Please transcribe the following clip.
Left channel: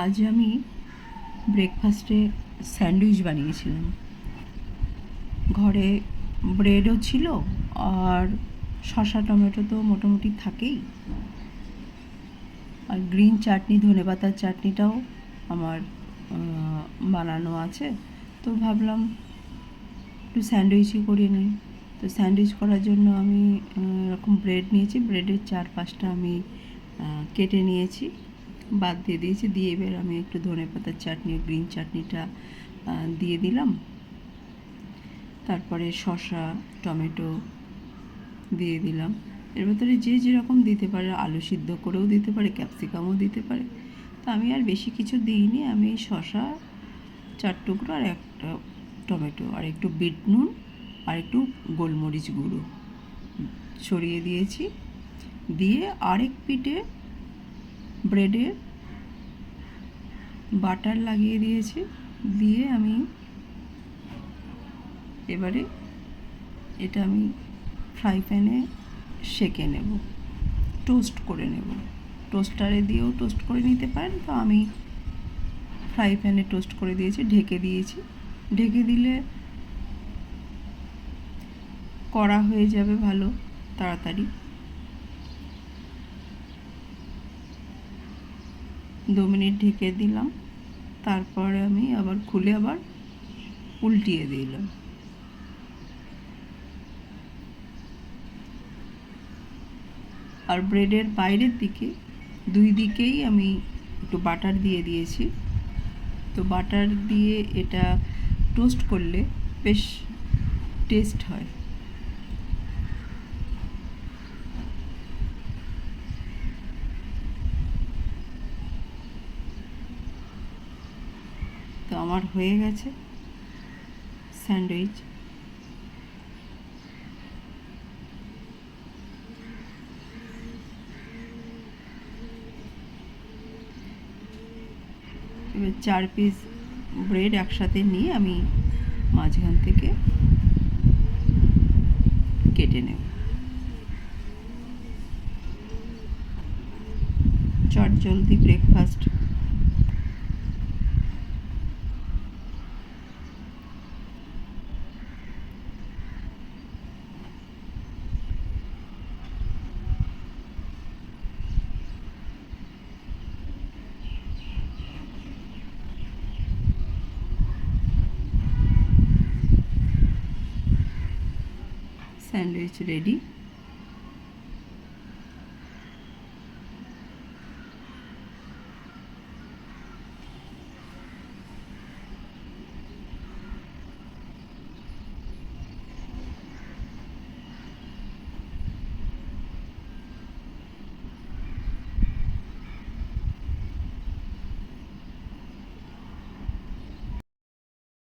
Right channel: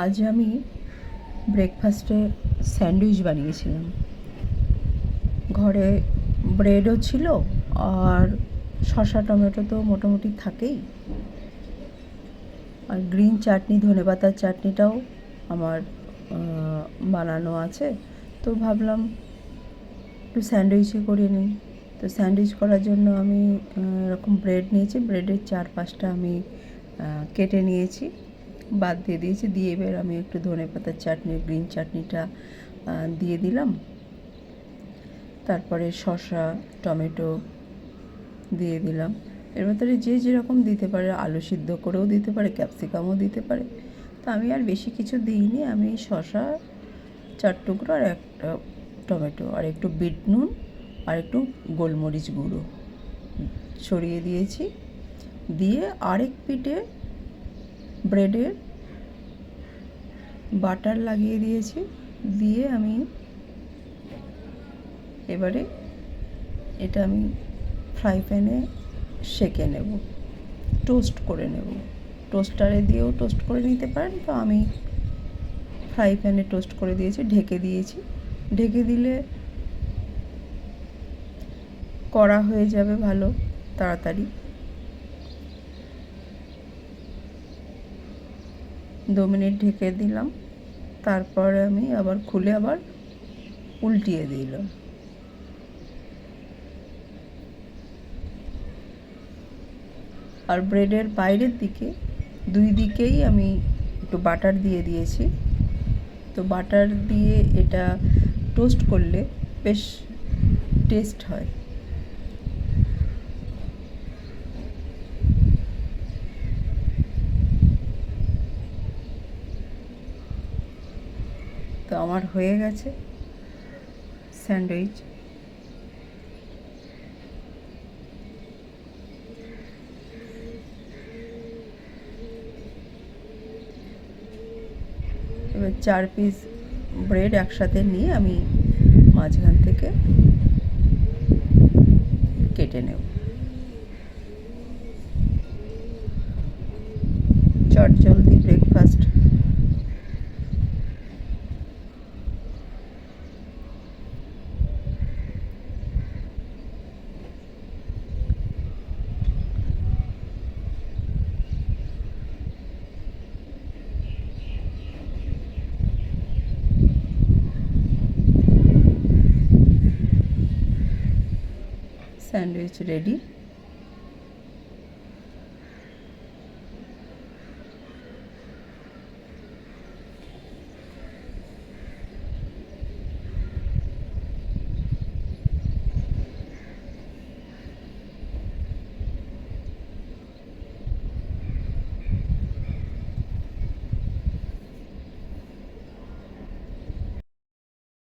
আজ আমি ব্রেকফাস্টে স্যান্ডউইচ বানিয়েছিলাম। ঘরে ব্রেডও ছিল আর শসা টমেটো তো মোটামুটি থাকেই, আর গ্রিন চাটনি, ধনেপাতার চাটনিটাও আমার বানানো আছে। তো ভাবলাম একটু স্যান্ডউইচই করে নিই। তো স্যান্ডউইচ করার জন্য আমি এরকম ব্রেড নিয়েছি, ব্রেডের 4-5টা আমি কেটে নিয়েছি, বাদ দিয়ে দিয়েছি। দিয়ে এবার আমি একটু ধনেপাতার চাটনি, গ্রিন চাটনিটা দিয়ে দিলাম। তারপরে শসা টমেটো দিয়ে দিলাম। এর ভেতরে যে যেরকম দিতে পারে, আলু সিদ্ধ করেও দিতে পারে, ক্যাপসিকামও দিতে পারে। তো আমি আর বেশি কিছু দিইনি, আমি শসা 4 টুকরো আর একটা টমেটো আর একটু বিট নুন আর একটু গোলমরিচ গুঁড়ো ছড়িয়ে দিয়েছি। দিয়ে আরেক পিঠে ব্রেডে বাটার লাগিয়ে দিয়েছি। দিয়ে আমি এবারে এটা আমি ফ্রাই প্যানে সেঁকে নেব, টোস্ট করে নেব। টোস্টারে দিয়েও টোস্ট করে নিতে পারেন, তো আমি ফ্রাই প্যানে টোস্ট করে দিয়েছি, ঢেকে দিয়েছি। ঢেকে দিলে কড়া হয়ে যাবে ভালো তাড়াতাড়ি। 2 মিনিট ঢেকে দিলাম, তারপরে আমি আবার খুলে আবার উল্টিয়ে দিলাম। আর ব্রেডের বাইরের দিকে 2 দিকেই আমি একটু বাটার দিয়ে দিয়েছি। তো বাটার দিয়ে এটা টোস্ট করলে বেশ টেস্ট হয়। তো আমার হয়ে গেছে স্যান্ডউইচ। এবার 4 পিস ব্রেড একসাথে নিয়ে আমি মাঝখান থেকে কেটে নেব। চটজলদি ব্রেকফাস্ট। Sandwich ready.